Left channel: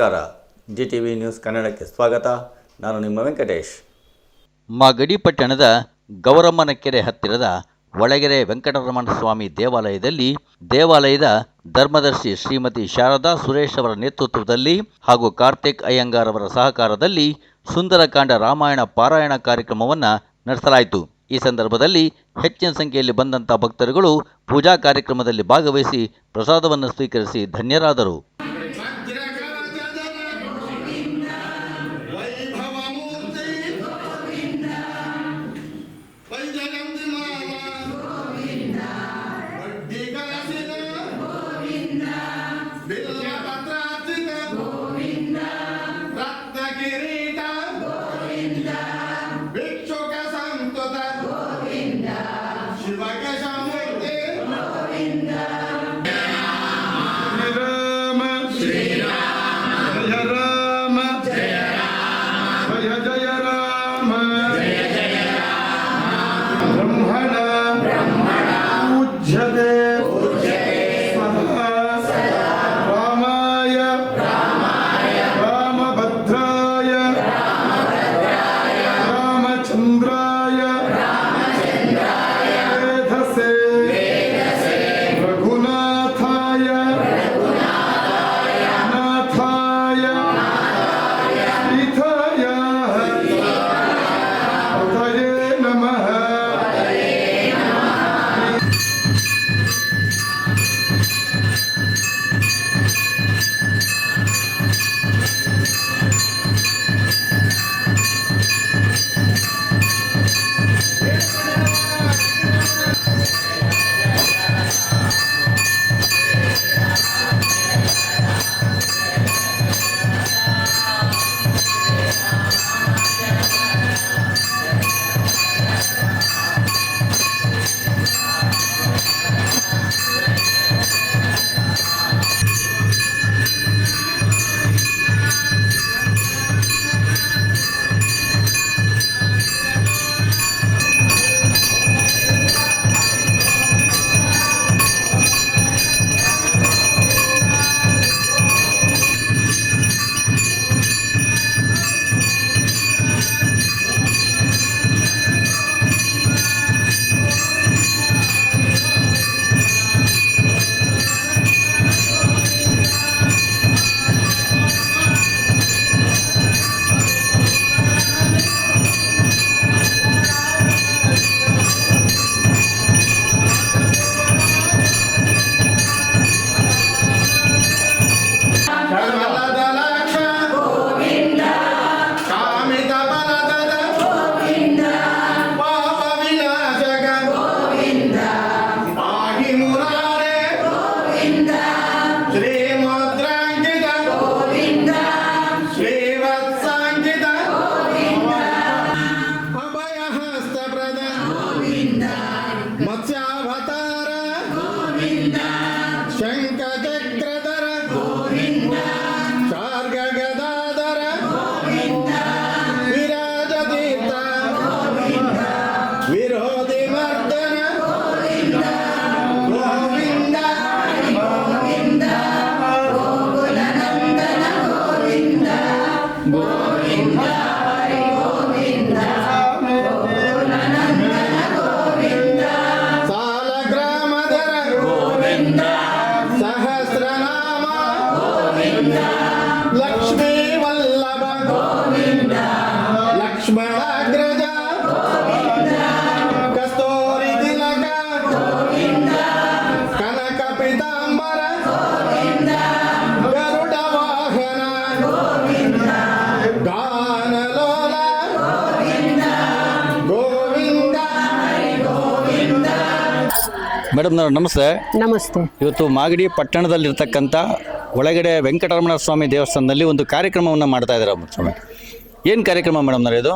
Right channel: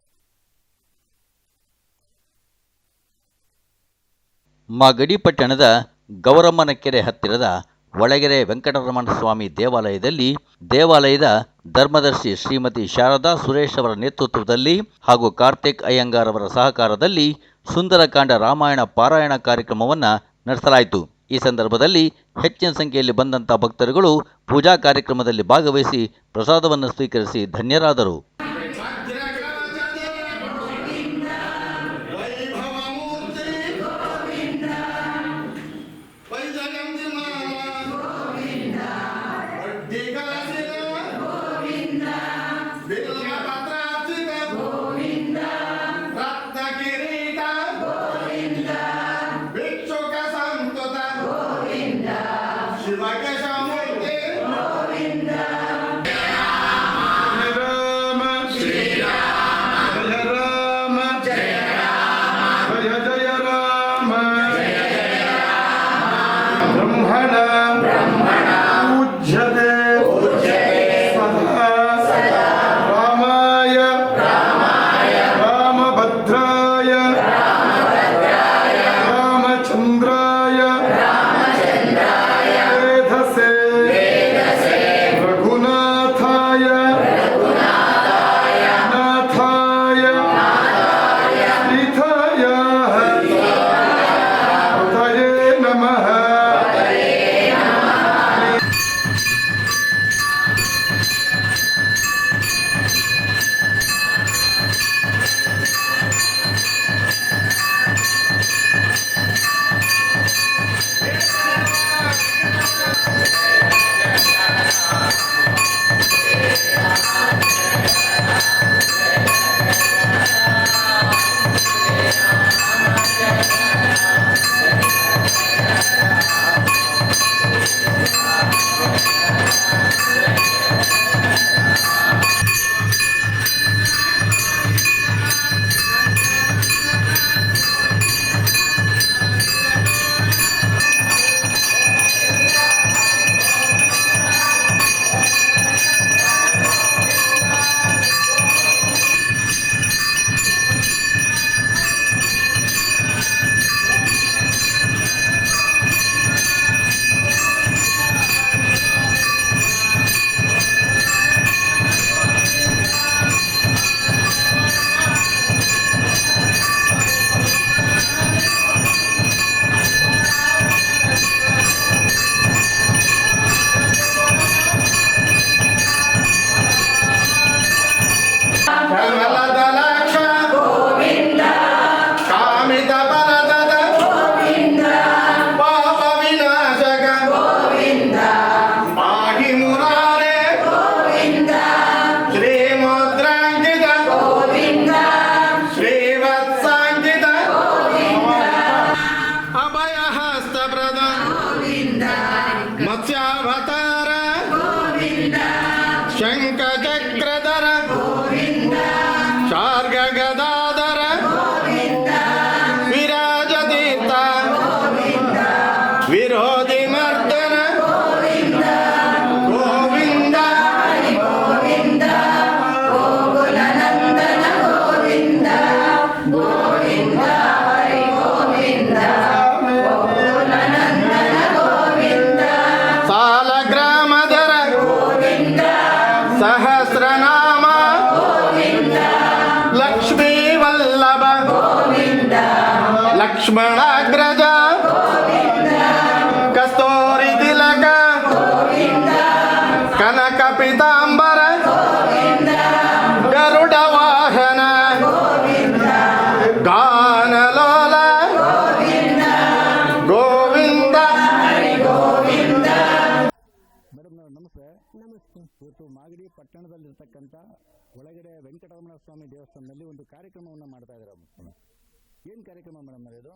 ನಮಸ್ಕಾರ. GTV news ಕನ್ನಡಕ್ಕೆ ಸ್ವಾಗತ. ನಾನು ನಿಮ್ಮ ವೆಂಕಟೇಶ್. ಮಾಗಡಿ ಪಟ್ಟಣದ ಗೌರಮ್ಮನಕೆರೆ ಹತ್ತಿರದ ಒಳಗೆರೆ ವೆಂಕಟರಮಣ ಸ್ವಾಮಿ ದೇವಾಲಯದಲ್ಲಿ ದೇವಾಲಯದ ಧರ್ಮದರ್ಶಿ ಶ್ರೀಮತಿ ಶಾರದಾ ಸುರೇಶ್ ಅವರ ನೇತೃತ್ವದಲ್ಲಿ ಹಾಗೂ ಕಾರ್ತಿಕ್ ಅಯ್ಯಂಗಾರ್ ಅವರ ಸಹಕಾರದಲ್ಲಿ ಸುಂದರಕಾಂಡ ರಾಮಾಯಣ ಪಾರಾಯಣ ಕಾರ್ಯಕ್ರಮವನ್ನು ನಡೆಸಲಾಯಿತು. ಈ ಸಂದರ್ಭದಲ್ಲಿ ಹೆಚ್ಚಿನ ಸಂಖ್ಯೆಯಲ್ಲಿ ಬಂದಂಥ ಭಕ್ತರುಗಳು ಪೂಜಾ ಕಾರ್ಯಕ್ರಮದಲ್ಲಿ ಭಾಗವಹಿಸಿ ಪ್ರಸಾದವನ್ನು ಸ್ವೀಕರಿಸಿ ಧನ್ಯರಾದರು. ಲಕ್ಷ್ಮಣಾಗ್ರಜ ಕಸ್ತೂರಿ ತಿಲಕ ಕನಕ ಪಿತಾಂಬರ ಗರುಡ ವಾಹನ ಗಾನಲೋಲ ಗೋವಿಂದ. ಮೇಡಮ್ ನಮಸ್ತೆ. ನಮಸ್ತೆ. ಇವತ್ತು ಮಾಗಡಿ ಪಟ್ಟಣದಲ್ಲಿರ್ತಕ್ಕಂಥ ಒಳಗಡೆ ವೆಂಕಟರಮಣ ಸ್ವಾಮಿ ದೇವಸ್ಥಾನದಲ್ಲಿ ಒಂದು ಕಾರ್ಯಕ್ರಮವನ್ನು ಮಾಡ್ತಾ ಇದ್ದಾರೆ ಸ್ವಾಮಿ. ಏನು ಕಾರ್ಯಕ್ರಮ ಮೇಡಮ್ ಇದು?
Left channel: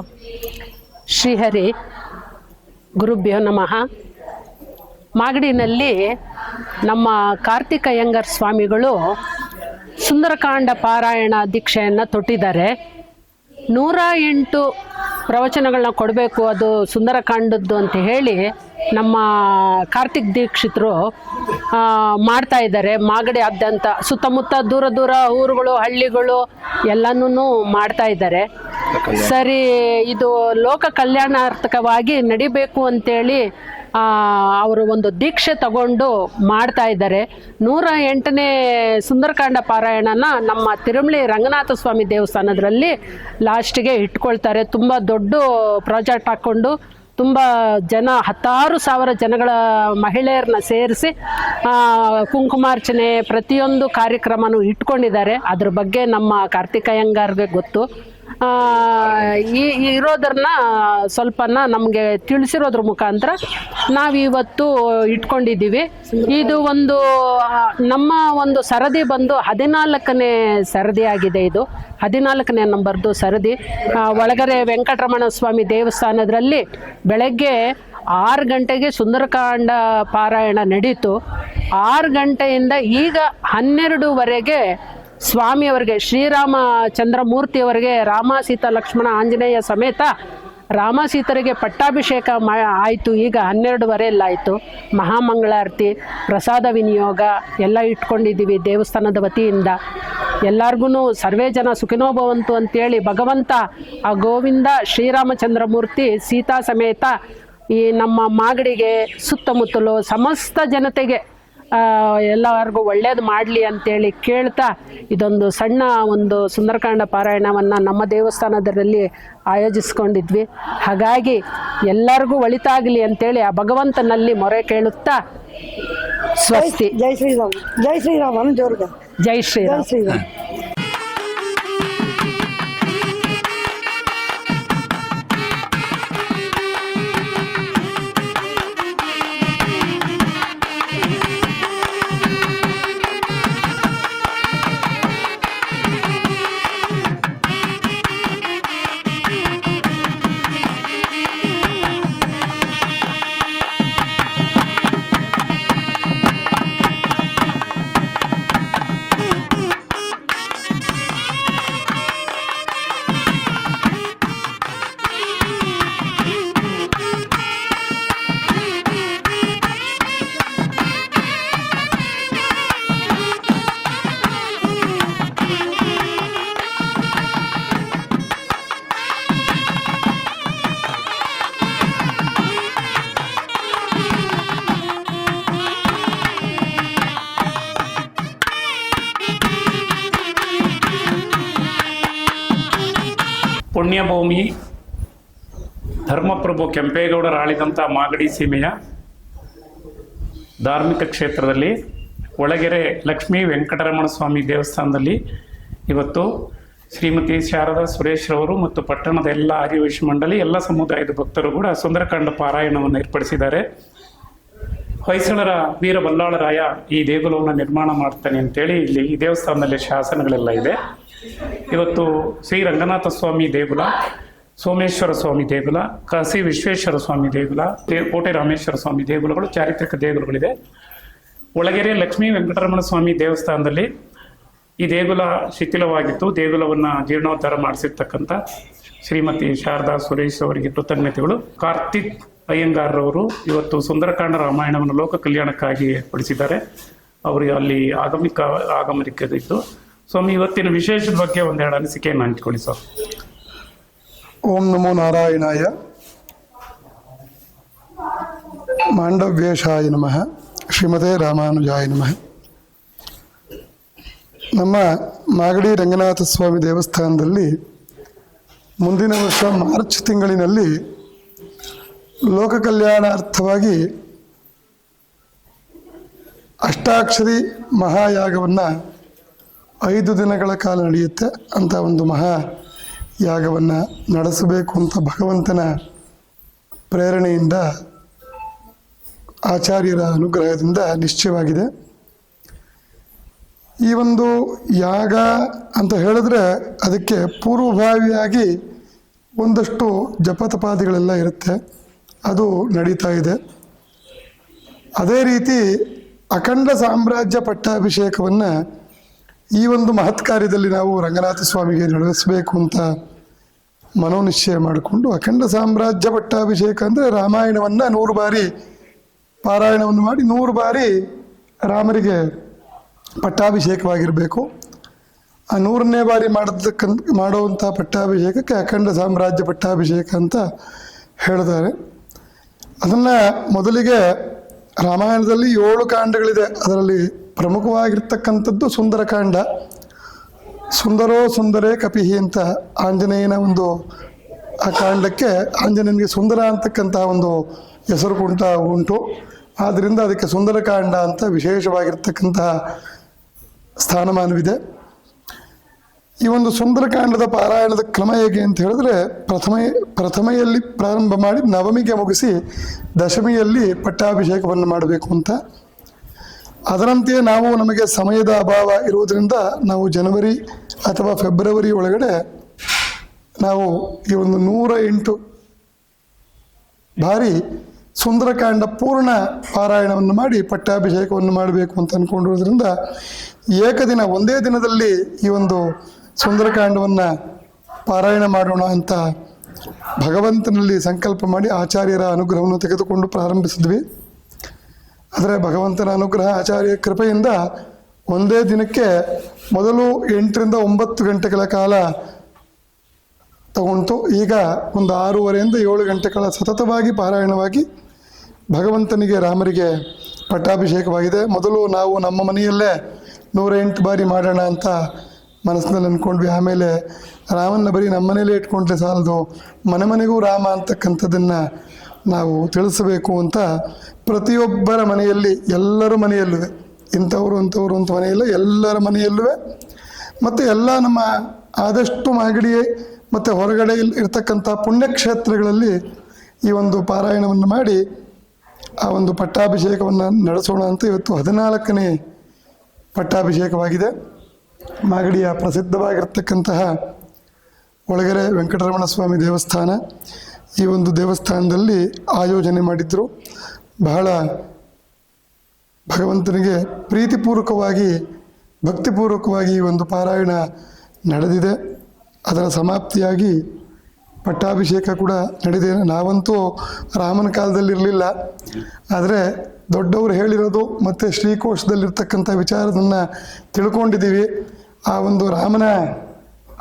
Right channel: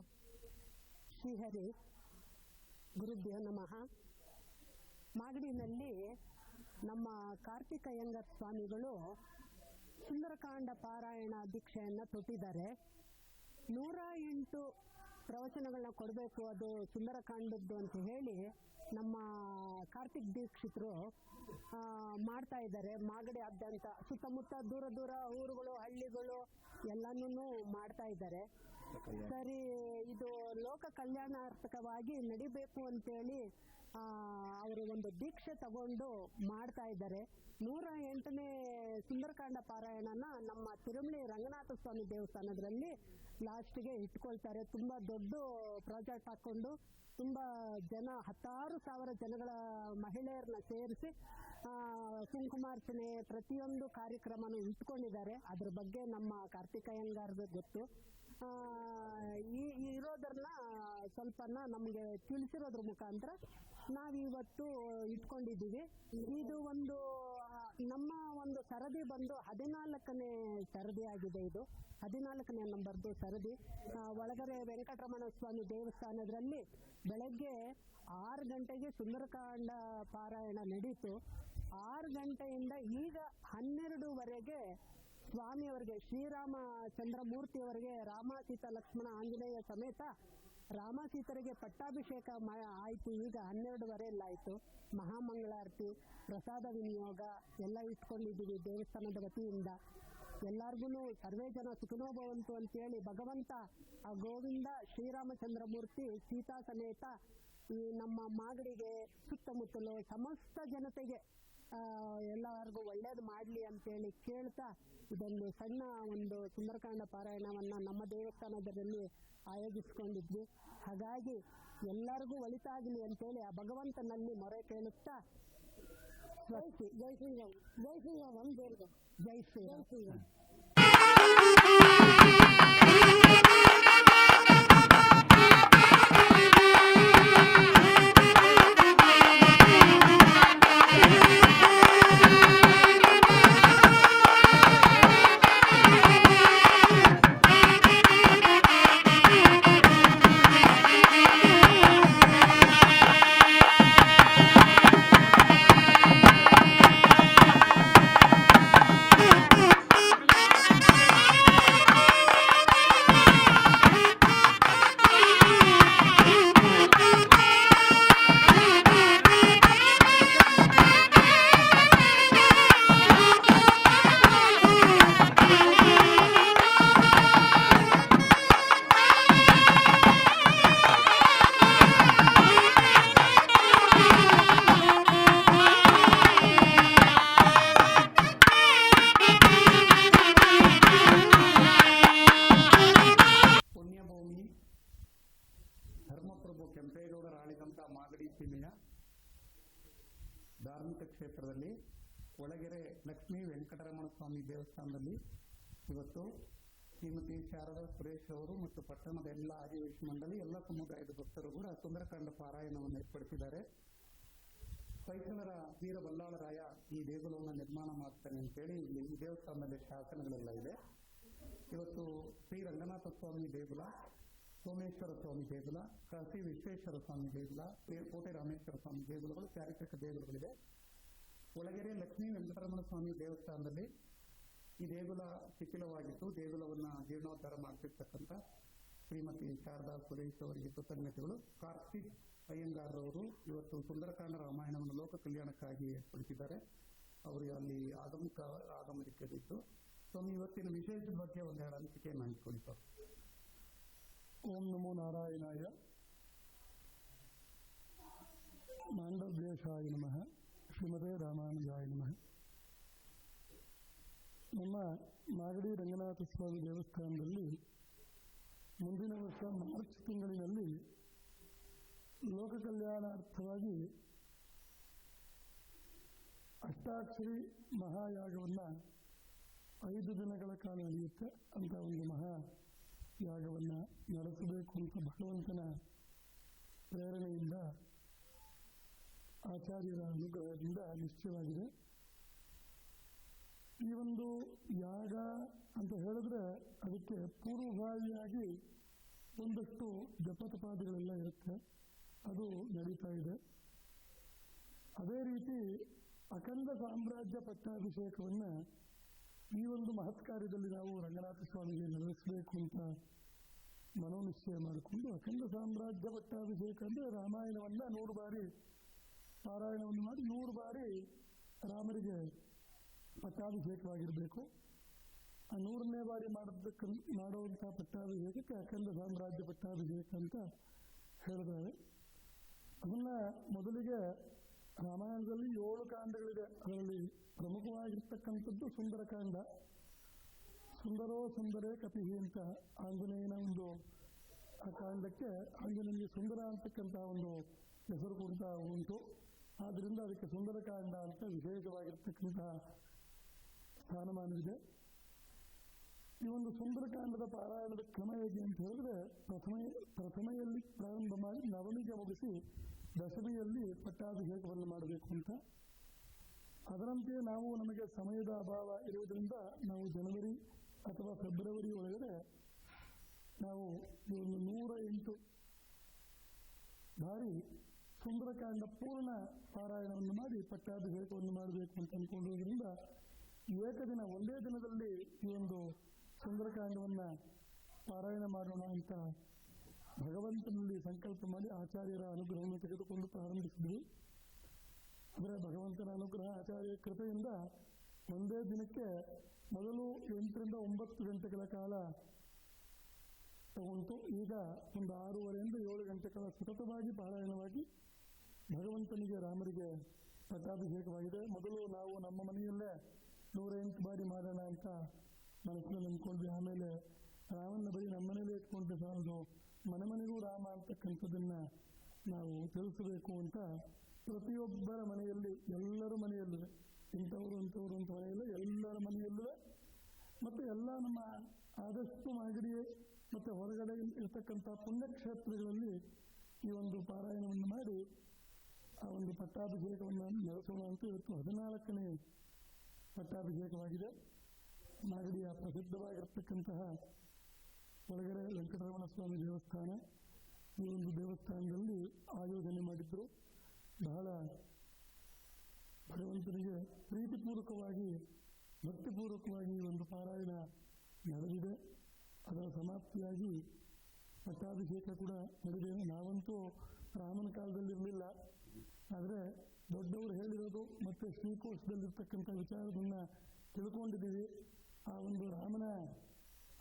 ಶ್ರೀಹರಿ ಗುರುಭ್ಯೋ ನಮಃ. ಮಾಗಡಿನಲ್ಲಿ ನಮ್ಮ ಕಾರ್ತಿಕ್ ಅಯ್ಯಂಗಾರ್ ಸ್ವಾಮಿಗಳು ಸುಂದರಕಾಂಡ ಪಾರಾಯಣ ದೀಕ್ಷೆಯನ್ನು ತೊಟ್ಟಿದ್ದಾರೆ. 108 ಪ್ರವಚನಗಳನ್ನ ಕೊಡಬೇಕು, ಅದು ಸುಂದರಕಾಂಡದ್ದು ಅಂತ ಹೇಳಿ ನಮ್ಮ ಕಾರ್ತಿಕ್ ದೀಕ್ಷಿತರು ಮಾಡ್ತಾ ಇದ್ದಾರೆ. ಮಾಗಡಿಯಾದ್ಯಂತ ಸುತ್ತಮುತ್ತ ದೂರ ದೂರ ಊರುಗಳು, ಹಳ್ಳಿಗಳು ಎಲ್ಲನೂ ಮಾಡ್ತಾ ಇದ್ದಾರೆ. ಸರಿ, ಇದು ಲೋಕ ಕಲ್ಯಾಣಾರ್ಥಕವಾಗಿ ನಡಿಬೇಕು ಅಂತೇಳಿ ಅವರು ಒಂದು ದೀಕ್ಷೆ ತಗೊಂಡು ಮಾಡ್ತಾ ಇದ್ದಾರೆ. 108ನೇ ಸುಂದರಕಾಂಡ ಪಾರಾಯಣನ ನಮ್ಮ ತಿರುಮಲಿ ರಂಗನಾಥ ಸ್ವಾಮಿ ದೇವಸ್ಥಾನದಲ್ಲಿ ಲಾಸ್ಟಿಗೆ ಇಟ್ಕೊಳ್ತಾರೆ. ತುಂಬ ದೊಡ್ಡ ಪ್ರಾಜೆಕ್ಟ್ ಹಾಕ್ಕೊಂಡು ತುಂಬ ಜನ, 10,000 ಜನಗಳ ಮಹಿಳೆಯರನ್ನ ಸೇರಿಸಿ ಕುಂಕುಮಾರ್ಚನೆ ಪ್ರತಿಯೊಂದು ಕಾರ್ಯಕ್ರಮನೂ ಇಟ್ಕೊಂಡಿದ್ದಾರೆ. ಅದ್ರ ಬಗ್ಗೆ ನಮ್ಮ ಕಾರ್ತಿಕಯ್ಯಂಗಾರ್ಗೆ ಗೊತ್ತು. ಇರೋದನ್ನ ಸ್ವಲ್ಪನ ನಮಗೆ ತಿಳಿಸಿರೋದ್ರ ಮುಖಾಂತರ ನಾವಿವತ್ತು ಇಟ್ಕೊಂಡಿದ್ದೀವಿ. ಇದು ಒಂದು ನಮ್ಮ ಒಂದು ಸರದಿ ಬಂದು 14ನೇ ಸರದಿ ಆಗಿದೆ. ಇದು 14ನೇ ನಂಬರ್ದು ಸರದಿ. ಒಳಗರೆ ವೆಂಕಟರಮಣ ಸ್ವಾಮಿ ದೇವಸ್ಥಾನದಲ್ಲಿ ಬೆಳಗ್ಗೆ 6 ಗಂಟೆಗೆ ಸುಂದರಕಾಂಡ ಪಾರಾಯಣ ನಡೀತು. 6 ಗಂಟೆಯಿಂದ ಈಗ 12ವರೆಗೆ ಸ್ವಾಮಿಯವರಿಗೆ, ಶ್ರೀರಾಮಚಂದ್ರಮೂರ್ತಿಯವರಿಗೆ, ರಾಮ ಸೀತಾ ಲಕ್ಷ್ಮಣ ಆಂಜನೇಯ ಸಮೇತ ರಾಮ ಸೀತರಿಗೆ ಪಟ್ಟಾಭಿಷೇಕ ಆಯಿತು. ಈಗ 12ವರೆಯಲ್ಲಾಯಿತು. ಮಹಾಮಂಗಳಾರತಿ, ಪ್ರಸಾದ ವಿನಿಯೋಗ ಎಲ್ಲ ಇಟ್ಕೊಂಡಿದ್ದೀವಿ ದೇವಸ್ಥಾನದ ವತಿಯಿಂದ. ಎಲ್ಲರಿಗೂ ಸರ್ವೇ ಜನ ಸುಖಿನೋಭವಂತು ಅಂತೇಳಿ ಭಗವಂತ ಆ ಗೋವಿಂದ ಶ್ರೀರಾಮಚಂದ್ರಮೂರ್ತಿ ಸೀತಾ ಸಮೇತ ಈ ನಮ್ಮ ಮಾಗಡಿಗೆ ಸುತ್ತಮುತ್ತಲು ಸಮಸ್ತ ಜನತೆಗೆ ಎಲ್ಲರಿಗೂ ಒಳ್ಳೇದು ಮಾಡಲಿ ಅಂತೇಳಿ ಕೇಳ್ತಾ ಇದೊಂದು ಸಣ್ಣ ಒಂದು ಸುಂದರಕಾಂಡ ಪಾರಾಯಣವನ್ನು ನಮ್ಮ ದೇವಸ್ಥಾನದಲ್ಲಿ ಆಯೋಜಿಸ್ಕೊಂಡಿದ್ವಿ. ಹಾಗಾಗಿ ಎಲ್ಲರಿಗೂ ಒಳಿತಾಗಲಿ ಅಂತೇಳಿ ಆ ಭಗವಂತನಲ್ಲಿ ಮೊರೆ ಕೇಳುತ್ತಾ ಸ್ವಸ್ತಿ. ಜೈ ಶ್ರೀರಾಮ್, ಜೈ ಶ್ರೀರಾಮ್, ಜೋರ್ಗ ಜೈ ಶ್ರೀರಾಮ್. ಜೈ ಶ್ರೀರಾಮ್. ಪುಣ್ಯಭೂಮಿ ಧರ್ಮಪ್ರಭು ಕೆಂಪೇಗೌಡರು ಆಳಿದಂಥ ಮಾಗಡಿ ಸೀಮೆಯ ಧಾರ್ಮಿಕ ಕ್ಷೇತ್ರದಲ್ಲಿ ಒಳಗೆರೆ ಲಕ್ಷ್ಮೀ ವೆಂಕಟರಮಣ ಸ್ವಾಮಿ ದೇವಸ್ಥಾನದಲ್ಲಿ ಇವತ್ತು ಶ್ರೀಮತಿ ಶಾರದಾ ಸುರೇಶ್ ರವರು ಮತ್ತು ಪಟ್ಟಣದ ಎಲ್ಲ ಆರ್ಯವೈಶ್ಯ ಮಂಡಳಿ, ಎಲ್ಲ ಸಮುದಾಯದ ಭಕ್ತರು ಕೂಡ ಸುಂದರಕಾಂಡ ಪಾರಾಯಣವನ್ನು ಏರ್ಪಡಿಸಿದ್ದಾರೆ. ಹೊಯ್ಸಳರ ವೀರ ಬಲ್ಲಾಳರಾಯ ಈ ದೇಗುಲವನ್ನು ನಿರ್ಮಾಣ ಮಾಡ್ತಾನೆ ಅಂತೇಳಿ ಇಲ್ಲಿ ಈ ದೇವಸ್ಥಾನದಲ್ಲಿ ಶಾಸನಗಳೆಲ್ಲ ಇದೆ. ಇವತ್ತು ಶ್ರೀ ರಂಗನಾಥ ಸ್ವಾಮಿ ದೇಗುಲ, ಸೋಮೇಶ್ವರ ಸ್ವಾಮಿ ದೇಗುಲ, ಕಾಶಿ ವಿಶ್ವೇಶ್ವರ ಸ್ವಾಮಿ ದೇಗುಲ, ಕೋಟೆ ರಾಮೇಶ್ವರ ಸ್ವಾಮಿ ದೇಗುಲಗಳು ಚಾರಿತ್ರಿಕ ದೇಗುಲಗಳಿದೆ. ಒಳಗೆರೆ ಲಕ್ಷ್ಮೀ ವೆಂಕಟರಮಣ ಸ್ವಾಮಿ ದೇವಸ್ಥಾನದಲ್ಲಿ ಈ ದೇಗುಲ ಶಿಥಿಲವಾಗಿತ್ತು. ದೇಗುಲವನ್ನು ಜೀರ್ಣೋದ್ಧಾರ ಮಾಡಿಸಿರ್ತಕ್ಕಂಥ ಶ್ರೀಮತಿ ಶಾರದಾ ಸುರೇಶ್ ಅವರಿಗೆ ಕೃತಜ್ಞತೆಗಳು. ಕಾರ್ತಿಕ್ ಅಯ್ಯಂಗಾರ್ರವರು ಇವತ್ತು ಸುಂದರಕಾಂಡ ರಾಮಾಯಣವನ್ನು ಲೋಕ ಕಲ್ಯಾಣಕ್ಕಾಗಿ ಏರ್ಪಡಿಸಿದ್ದಾರೆ. ಅವರು ಅಲ್ಲಿ ಆಗಮನಿಕದಿದ್ದು ಸ್ವಾಮಿ ಇವತ್ತಿನ ವಿಶೇಷದ ಬಗ್ಗೆ ಒಂದೆರಡು ಅನಿಸಿಕೆಯನ್ನು ಹಂಚಿಕೊಳ್ಳಿ ಸರ್. ಓಂ ನಮೋ ನಾರಾಯಣಾಯ, ಮಾಂಡವ್ಯೇಶಾಯ ನಮಃ, ಶ್ರೀಮತೆ ರಾಮಾನುಜಾಯ ನಮಃ. ನಮ್ಮ ಮಾಗಡಿ ರಂಗನಾಥ ಸ್ವಾಮಿ ದೇವಸ್ಥಾನದಲ್ಲಿ ಮುಂದಿನ ವರ್ಷ ಮಾರ್ಚ್ ತಿಂಗಳಿನಲ್ಲಿ ಲೋಕ ಕಲ್ಯಾಣಾರ್ಥವಾಗಿ ಅಷ್ಟಾಕ್ಷರಿ ಮಹಾಯಾಗವನ್ನು 5 ದಿನಗಳ ಕಾಲ ನಡೆಯುತ್ತೆ ಅಂತ ಒಂದು ಮಹಾಯಾಗವನ್ನು ನಡೆಸಬೇಕು ಅಂತ ಭಗವಂತನ ಪ್ರೇರಣೆಯಿಂದ, ಆಚಾರ್ಯರ ಅನುಗ್ರಹದಿಂದ ನಿಶ್ಚಯವಾಗಿದೆ. ಈ ಒಂದು ಯಾಗ ಅಂತ ಹೇಳಿದ್ರೆ ಅದಕ್ಕೆ ಪೂರ್ವಭಾವಿಯಾಗಿ ಒಂದಷ್ಟು ಜಪತಪಾದಿಗಳೆಲ್ಲ ಇರುತ್ತೆ, ಅದು ನಡೀತಾ ಇದೆ. ಅದೇ ರೀತಿ ಅಖಂಡ ಸಾಮ್ರಾಜ್ಯ ಪಟ್ಟಾಭಿಷೇಕವನ್ನು ಈ ಒಂದು ಮಹತ್ ಕಾರ್ಯದಲ್ಲಿ ನಾವು ರಂಗನಾಥ ಸ್ವಾಮಿಗೆ ನಡೆಸಬೇಕು ಅಂತ ಮನೋನಿಶ್ಚಯ ಮಾಡಿಕೊಂಡು ಅಖಂಡ ಸಾಮ್ರಾಜ್ಯ ಪಟ್ಟಾಭಿಷೇಕ ಅಂದರೆ ರಾಮಾಯಣವನ್ನು 100 ಬಾರಿ ಪಾರಾಯಣವನ್ನು ಮಾಡಿ 100 ಬಾರಿ ರಾಮರಿಗೆ ಪಟ್ಟಾಭಿಷೇಕವಾಗಿರಬೇಕು. ಆ 100ನೇ ಬಾರಿ ಮಾಡುವಂಥ ಪಟ್ಟಾಭಿಷೇಕಕ್ಕೆ ಅಖಂಡ ಸಾಮ್ರಾಜ್ಯ ಪಟ್ಟಾಭಿಷೇಕ ಅಂತ ಹೇಳ್ತಾರೆ. ಅದನ್ನು ಮೊದಲಿಗೆ ರಾಮಾಯಣದಲ್ಲಿ 7 ಕಾಂಡಗಳಿದೆ. ಅದರಲ್ಲಿ ಪ್ರಮುಖವಾಗಿರ್ತಕ್ಕಂಥದ್ದು ಸುಂದರಕಾಂಡ. ಸುಂದರೋ ಸುಂದರೇ ಕಪಿಹಿ ಅಂತ ಆಂಜನೇಯನ ಒಂದು ಆ ಕಾಂಡಕ್ಕೆ ಆಂಜನೇಯನಿಗೆ ಸುಂದರ ಅಂತಕ್ಕಂತಹ ಒಂದು ಹೆಸರು ಉಂಟು. ಆದ್ದರಿಂದ ಅದಕ್ಕೆ ಸುಂದರಕಾಂಡ ಅಂತ ವಿಶೇಷವಾಗಿರ್ತಕ್ಕಂತಹ ಸ್ಥಾನಮಾನವಿದೆ. ಈ ಒಂದು ಸುಂದರಕಾಂಡದ ಪಾರಾಯಣದ ಕ್ರಮ ಹೇಗೆ ಅಂತ ಹೇಳಿದ್ರೆ ಪ್ರಥಮೆಯಲ್ಲಿ ಪ್ರಾರಂಭ ಮಾಡಿ ನವಮಿಗೆ ಮುಗಿಸಿ ದಶಮಿಯಲ್ಲಿ ಪಟ್ಟಾಭಿಷೇಕವನ್ನು ಮಾಡಬೇಕು ಅಂತ. ಅದರಂತೆಯೇ ನಮಗೆ ಸಮಯದ ಅಭಾವ ಇರುವುದರಿಂದ ನಾವು ಜನವರಿ ಅಥವಾ ಫೆಬ್ರವರಿ ಒಳಗಡೆ ನಾವು ಈ ಒಂದು 108 ಬಾರಿ ಸುಂದರಕಾಂಡ ಪೂರ್ಣ ಪಾರಾಯಣವನ್ನು ಮಾಡಿ ಪಟ್ಟಾಭಿಷೇಕವನ್ನು ಮಾಡಬೇಕು ಅಂತ ಅಂದ್ಕೊಂಡಿರೋದ್ರಿಂದ ಏಕದಿನ ಒಂದೇ ದಿನದಲ್ಲಿ ಈ ಒಂದು ಸುಂದರಕಾಂಡವನ್ನು ಪಾರಾಯಣ ಮಾಡೋಣ ಅಂತ ಭಗವಂತನಲ್ಲಿ ಸಂಕಲ್ಪ ಮಾಡಿ ಆಚಾರ್ಯರ ಅನುಗ್ರಹವನ್ನು ತೆಗೆದುಕೊಂಡು ಪ್ರಾರಂಭಿಸಿದ್ವಿ. ಆದರೆ ಭಗವಂತನ ಅನುಗ್ರಹ ಆಚಾರ್ಯ ಕೃಪೆಯಿಂದ ಒಂದೇ ದಿನಕ್ಕೆ ಮೊದಲು 8 ರಿಂದ 9 ಗಂಟೆಗಳ ಕಾಲ ತಗೊಂತು. ಈಗ ಒಂದು 6:30 ರಿಂದ 7 ಗಂಟೆಗಳ ಸತತವಾಗಿ ಪಾರಾಯಣವಾಗಿ ಭಗವಂತನಿಗೆ ರಾಮರಿಗೆ ಪಟ್ಟಾಭಿಷೇಕವಾಗಿದೆ. ಮೊದಲು ನಾವು ನಮ್ಮ ಮನೆಯಲ್ಲೇ 108 ಬಾರಿ ಮಾಡೋಣ ಅಂತ ಮನಸ್ಸಿನಲ್ಲಿ ಅಂದ್ಕೊಂಡ್ವಿ. ಆಮೇಲೆ ರಾಮನ ಬರೀ ನಮ್ಮ ಮನೇಲೇ ಇಟ್ಕೊಂಡ್ರೆ ಸಾಲದು, ಮನೆ ಮನೆಗೂ ರಾಮ ಅಂತಕ್ಕಂಥದ್ದನ್ನು ನಾವು ತಿಳಿಸಬೇಕು ಅಂತ ಪ್ರತಿಯೊಬ್ಬರ ಮನೆಯಲ್ಲಿ, ಎಲ್ಲರ ಮನೆಯಲ್ಲೂ, ಇಂಥವ್ರು ಅಂಥವ್ರು ಅಂತ ಮನೆಯಲ್ಲ, ಎಲ್ಲರ ಮನೆಯಲ್ಲೂ ಮತ್ತು ಎಲ್ಲ ನಮ್ಮ ಆದಷ್ಟು ಮಾಗಡಿ ಮತ್ತು ಹೊರಗಡೆ ಇರ್ತಕ್ಕಂಥ ಪುಣ್ಯಕ್ಷೇತ್ರಗಳಲ್ಲಿ ಈ ಒಂದು ಪಾರಾಯಣವನ್ನು ಮಾಡಿ ಆ ಒಂದು ಪಟ್ಟಾಭಿಷೇಕವನ್ನು ನಡೆಸೋಣ ಅಂತ ಇವತ್ತು 14ನೇ ಪಟ್ಟಾಭಿಷೇಕವಾಗಿದೆ. ಮಾಗಡಿಯ ಪ್ರಸಿದ್ಧವಾಗಿರ್ತಕ್ಕಂತಹ ಒಳಗೆರೆ ವೆಂಕಟರಮಣ ಸ್ವಾಮಿ ದೇವಸ್ಥಾನ, ಈ ಒಂದು ದೇವಸ್ಥಾನದಲ್ಲಿ ಆಯೋಜನೆ ಮಾಡಿದ್ರು. ಬಹಳ ಭಗವಂತನಿಗೆ ಪ್ರೀತಿಪೂರ್ವಕವಾಗಿ ಭಕ್ತಿಪೂರ್ವಕವಾಗಿ ಈ ಒಂದು ಪಾರಾಯಣ ನಡೆದಿದೆ. ಅದರ ಸಮಾಪ್ತಿಯಾಗಿ ಪಟ್ಟಾಭಿಷೇಕ ಕೂಡ ನಡೆದಿದೆ. ನಾವಂತೂ ರಾಮನ ಕಾಲದಲ್ಲಿರಲಿಲ್ಲ, ಆದರೆ ದೊಡ್ಡವರು ಹೇಳಿರೋದು ಮತ್ತು ಶ್ರೀಕೋಶದಲ್ಲಿರ್ತಕ್ಕಂಥ ವಿಚಾರದನ್ನು ತಿಳ್ಕೊಂಡಿದ್ದೀವಿ. ಆ ಒಂದು ರಾಮನ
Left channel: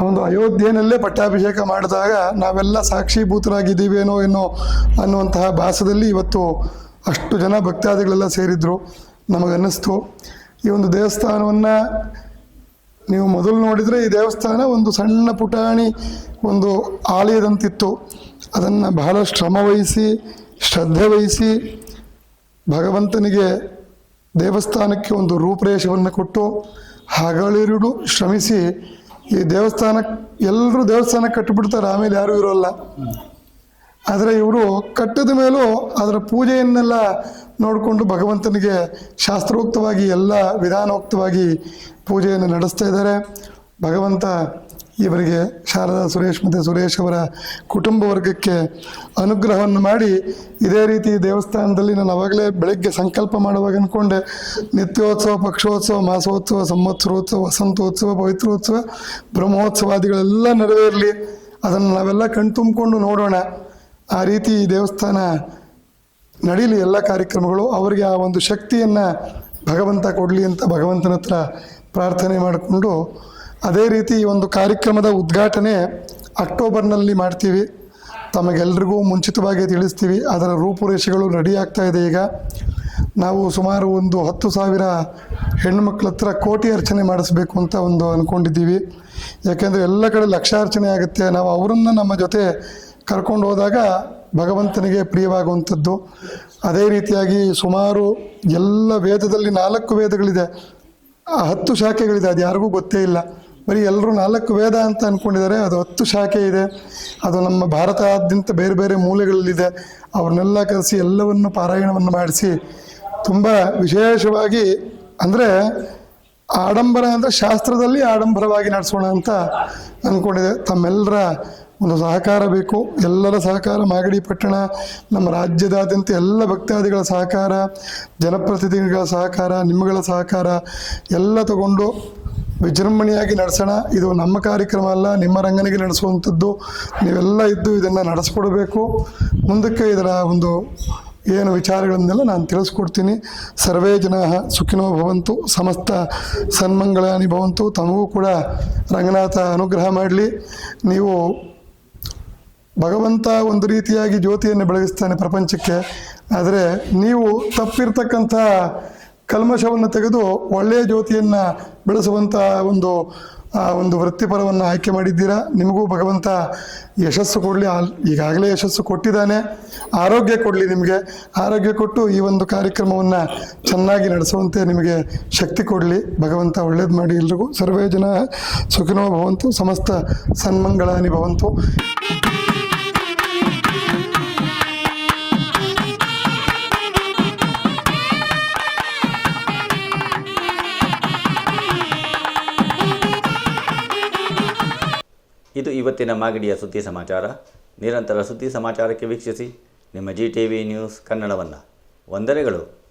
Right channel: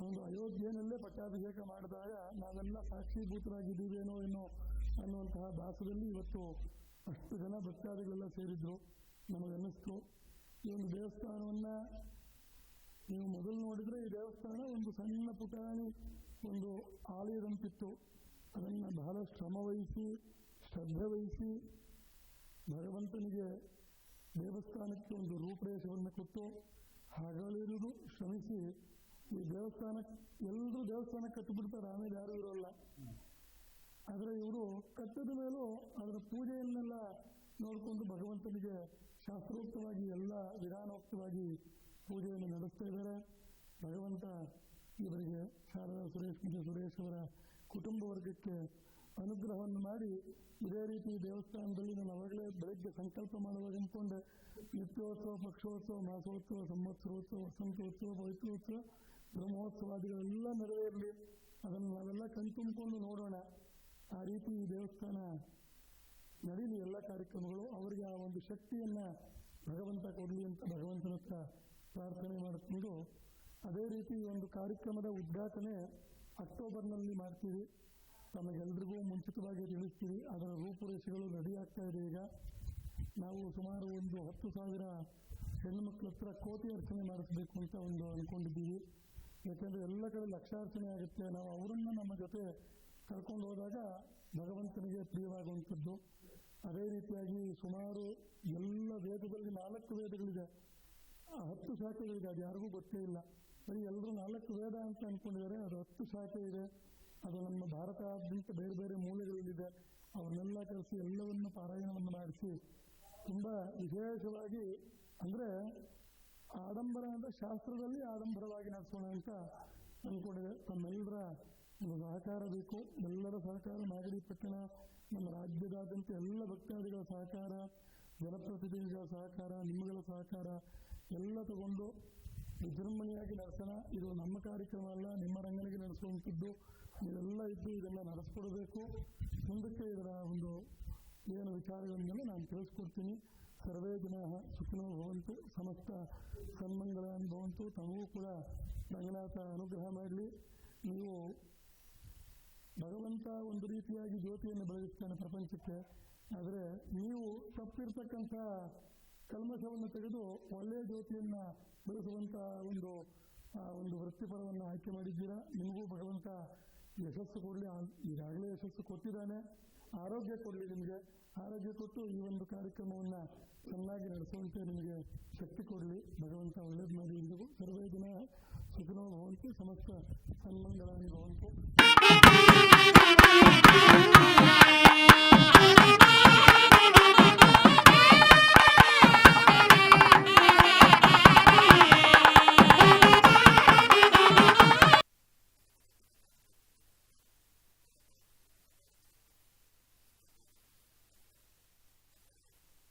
ಒಂದು ಅಯೋಧ್ಯೆಯಲ್ಲೇ ಪಟ್ಟಾಭಿಷೇಕ ಮಾಡಿದಾಗ ನಾವೆಲ್ಲ ಸಾಕ್ಷೀಭೂತರಾಗಿದ್ದೀವೇನೋ ಅನ್ನುವಂತಹ ಭಾಸದಲ್ಲಿ ಇವತ್ತು ಅಷ್ಟು ಜನ ಭಕ್ತಾದಿಗಳೆಲ್ಲ ಸೇರಿದ್ರು. ನಮಗನ್ನಿಸ್ತು ಈ ಒಂದು ದೇವಸ್ಥಾನವನ್ನು ನೀವು ಮೊದಲು ನೋಡಿದರೆ ಈ ದೇವಸ್ಥಾನ ಒಂದು ಸಣ್ಣ ಪುಟಾಣಿ ಒಂದು ಆಲಯದಂತಿತ್ತು. ಅದನ್ನು ಬಹಳ ಶ್ರಮವಹಿಸಿ ಶ್ರದ್ಧೆ ವಹಿಸಿ ಭಗವಂತನಿಗೆ ದೇವಸ್ಥಾನಕ್ಕೆ ಒಂದು ರೂಪರೇಷವನ್ನು ಕೊಟ್ಟು ಹಗಲಿರುಳು ಶ್ರಮಿಸಿ ಈ ದೇವಸ್ಥಾನ, ಎಲ್ಲರೂ ದೇವಸ್ಥಾನ ಕಟ್ಟಿಬಿಡ್ತಾರೆ, ಆಮೇಲೆ ಯಾರೂ ಇರೋಲ್ಲ. ಆದರೆ ಇವರು ಕಟ್ಟಿದ ಮೇಲೂ ಅದರ ಪೂಜೆಯನ್ನೆಲ್ಲ ನೋಡಿಕೊಂಡು ಭಗವಂತನಿಗೆ ಶಾಸ್ತ್ರೋಕ್ತವಾಗಿ ಎಲ್ಲ ವಿಧಾನೋಕ್ತವಾಗಿ ಪೂಜೆಯನ್ನು ನಡೆಸ್ತಾ ಇದ್ದಾರೆ. ಭಗವಂತ ಇವರಿಗೆ ಶಾರದಾ ಸುರೇಶ್ ಮತ್ತು ಸುರೇಶ್ ಅವರ ಕುಟುಂಬ ವರ್ಗಕ್ಕೆ ಅನುಗ್ರಹವನ್ನು ಮಾಡಿ ಇದೇ ರೀತಿ ದೇವಸ್ಥಾನದಲ್ಲಿ ನಾನು ಅವಾಗಲೇ ಬೆಳಗ್ಗೆ ಸಂಕಲ್ಪ ಮಾಡುವಾಗ ಅಂದ್ಕೊಂಡೆ, ನಿತ್ಯೋತ್ಸವ, ಪಕ್ಷೋತ್ಸವ, ಮಾಸೋತ್ಸವ, ಸಂವತ್ಸರೋತ್ಸವ, ವಸಂತೋತ್ಸವ, ಪವಿತ್ರೋತ್ಸವ, ಬ್ರಹ್ಮೋತ್ಸವಾದಿಗಳೆಲ್ಲ ನೆರವೇರಲಿ, ಅದನ್ನು ನಾವೆಲ್ಲ ಕಣ್ತುಂಬಿಕೊಂಡು ನೋಡೋಣ. ಆ ರೀತಿ ಈ ದೇವಸ್ಥಾನ ನಡೀಲಿ, ಎಲ್ಲ ಕಾರ್ಯಕ್ರಮಗಳು ಅವರಿಗೆ ಆ ಒಂದು ಶಕ್ತಿಯನ್ನು ಭಗವಂತ ಕೊಡಲಿ ಅಂತ ಭಗವಂತನ ಹತ್ರ ಪ್ರಾರ್ಥನೆ ಮಾಡಿಕೊಂಡು, ಅದೇ ರೀತಿ ಈ ಒಂದು ಕಾರ್ಯಕ್ರಮದ ಉದ್ಘಾಟನೆ ಅಕ್ಟೋಬರ್ನಲ್ಲಿ ಮಾಡ್ತೀವಿ. ತಮಗೆಲ್ರಿಗೂ ಮುಂಚಿತವಾಗಿ ತಿಳಿಸ್ತೀವಿ. ಅದರ ರೂಪುರೇಷೆಗಳು ರೆಡಿ ಆಗ್ತಾ ಇದೆ. ಈಗ ನಾವು ಸುಮಾರು ಒಂದು 10,000 ಹೆಣ್ಣುಮಕ್ಳ ಹತ್ರ ಕೋಟಿ ಅರ್ಚನೆ ಮಾಡಿಸ್ಬೇಕು ಅಂತ ಒಂದು ಅಂದ್ಕೊಂಡಿದ್ದೀವಿ. ಯಾಕೆಂದರೆ ಎಲ್ಲ ಕಡೆ ಲಕ್ಷಾರ್ಚನೆ ಆಗುತ್ತೆ. ನಾವು ಅವರನ್ನು ನಮ್ಮ ಜೊತೆ ಕರ್ಕೊಂಡು ಹೋದಾಗ ಭಗವಂತನಿಗೆ ಪ್ರಿಯವಾಗುವಂಥದ್ದು. ಅದೇ ರೀತಿಯಾಗಿ ಸುಮಾರು ಎಲ್ಲ ವೇದದಲ್ಲಿ 4 ವೇದಗಳಿದೆ, 10 ಶಾಖೆಗಳಿದೆ. ಅದು ಯಾರಿಗೂ ಗೊತ್ತೇ ಇಲ್ಲ. ಬರೀ ಎಲ್ಲರೂ 4 ವೇದ ಅಂತ ಅಂದ್ಕೊಂಡಿದ್ದಾರೆ. ಅದು 10 ಶಾಖೆ ಇದೆ. ಅದು ನಮ್ಮ ಭಾರತಾದ್ಯಂತ ಬೇರೆ ಬೇರೆ ಮೂಲೆಗಳಲ್ಲಿದೆ. ಅವ್ರನ್ನೆಲ್ಲ ಕರೆಸಿ ಎಲ್ಲವನ್ನು ಪಾರಾಯಣವನ್ನು ಮಾಡಿಸಿ ತುಂಬ ವಿಶೇಷವಾಗಿ, ಅಂದರೆ ಆಡಂಬರ ಅಂದರೆ ಶಾಸ್ತ್ರದಲ್ಲಿ ಆಡಂಬರವಾಗಿ ನಡೆಸೋಣ ಅಂತ ಅಂದ್ಕೊಂಡಿದೆ. ತಮ್ಮೆಲ್ಲರ ಒಂದು ಸಹಕಾರ ಬೇಕು. ಎಲ್ಲರ ಸಹಕಾರ, ಮಾಗಡಿ ಪಟ್ಟಣ, ನಮ್ಮ ರಾಜ್ಯದಾದ್ಯಂತ ಎಲ್ಲ ಭಕ್ತಾದಿಗಳ ಸಹಕಾರ, ಜನಪ್ರತಿನಿಧಿಗಳ ಸಹಕಾರ, ನಿಮ್ಮಗಳ ಸಹಕಾರ ಎಲ್ಲ ತಗೊಂಡು ವಿಜೃಂಭಣೆಯಾಗಿ ನಡೆಸೋಣ. ಇದು ನಮ್ಮ ಕಾರ್ಯಕ್ರಮ ಅಲ್ಲ, ನಿಮ್ಮ ರಂಗನಿಗೆ ನಡೆಸುವಂಥದ್ದು. ನೀವೆಲ್ಲ ಇದ್ದು ಇದನ್ನು ನಡೆಸ್ಕೊಡ್ಬೇಕು. ಮುಂದಕ್ಕೆ ಇದರ ಒಂದು ಏನು ವಿಚಾರಗಳನ್ನೆಲ್ಲ ನಾನು ತಿಳಿಸ್ಕೊಡ್ತೀನಿ. ಸರ್ವೇ ಜನ ಸುಖಿನೋ ಭವಂತು, ಸಮಸ್ತ ಸನ್ಮಂಗಳಾನಿ ಭವಂತು. ತಮಗೂ ಕೂಡ ರಂಗನಾಥ ಅನುಗ್ರಹ ಮಾಡಲಿ. ನೀವು ಭಗವಂತ ಒಂದು ರೀತಿಯಾಗಿ ಜ್ಯೋತಿಯನ್ನು ಬೆಳಗಿಸ್ತಾನೆ ಪ್ರಪಂಚಕ್ಕೆ. ಆದರೆ ನೀವು ತಪ್ಪಿರ್ತಕ್ಕಂಥ ಕಲ್ಮಶವನ್ನು ತೆಗೆದು ಒಳ್ಳೆಯ ಜ್ಯೋತಿಯನ್ನು ಬೆಳೆಸುವಂಥ ಒಂದು ವೃತ್ತಿಪರವನ್ನು ಆಯ್ಕೆ ಮಾಡಿದ್ದೀರಾ. ನಿಮಗೂ ಭಗವಂತ ಯಶಸ್ಸು ಕೊಡಲಿ. ಈಗಾಗಲೇ ಯಶಸ್ಸು ಕೊಟ್ಟಿದ್ದಾನೆ. ಆರೋಗ್ಯ ಕೊಡಲಿ. ನಿಮಗೆ ಆರೋಗ್ಯ ಕೊಟ್ಟು ಈ ಒಂದು ಕಾರ್ಯಕ್ರಮವನ್ನು ಚೆನ್ನಾಗಿ ನಡೆಸುವಂತೆ ನಿಮಗೆ ಶಕ್ತಿ ಕೊಡಲಿ. ಭಗವಂತ ಒಳ್ಳೇದು ಮಾಡಿ ಎಲ್ರಿಗೂ. ಸರ್ವೇ ಜನ ಸುಖಿನೋ ಭವಂತು, ಸಮಸ್ತ ಸನ್ಮಂಗಳಾನಿ ಭವಂತು. ಇದು ಇವತ್ತಿನ ಮಾಗಡಿಯ ಸುದ್ದಿ ಸಮಾಚಾರ. ನಿರಂತರ ಸುದ್ದಿ ಸಮಾಚಾರಕ್ಕೆ ವೀಕ್ಷಿಸಿ ನಿಮ್ಮ GTV ನ್ಯೂಸ್ ಕನ್ನಡವನ್ನು. ವಂದನೆಗಳು.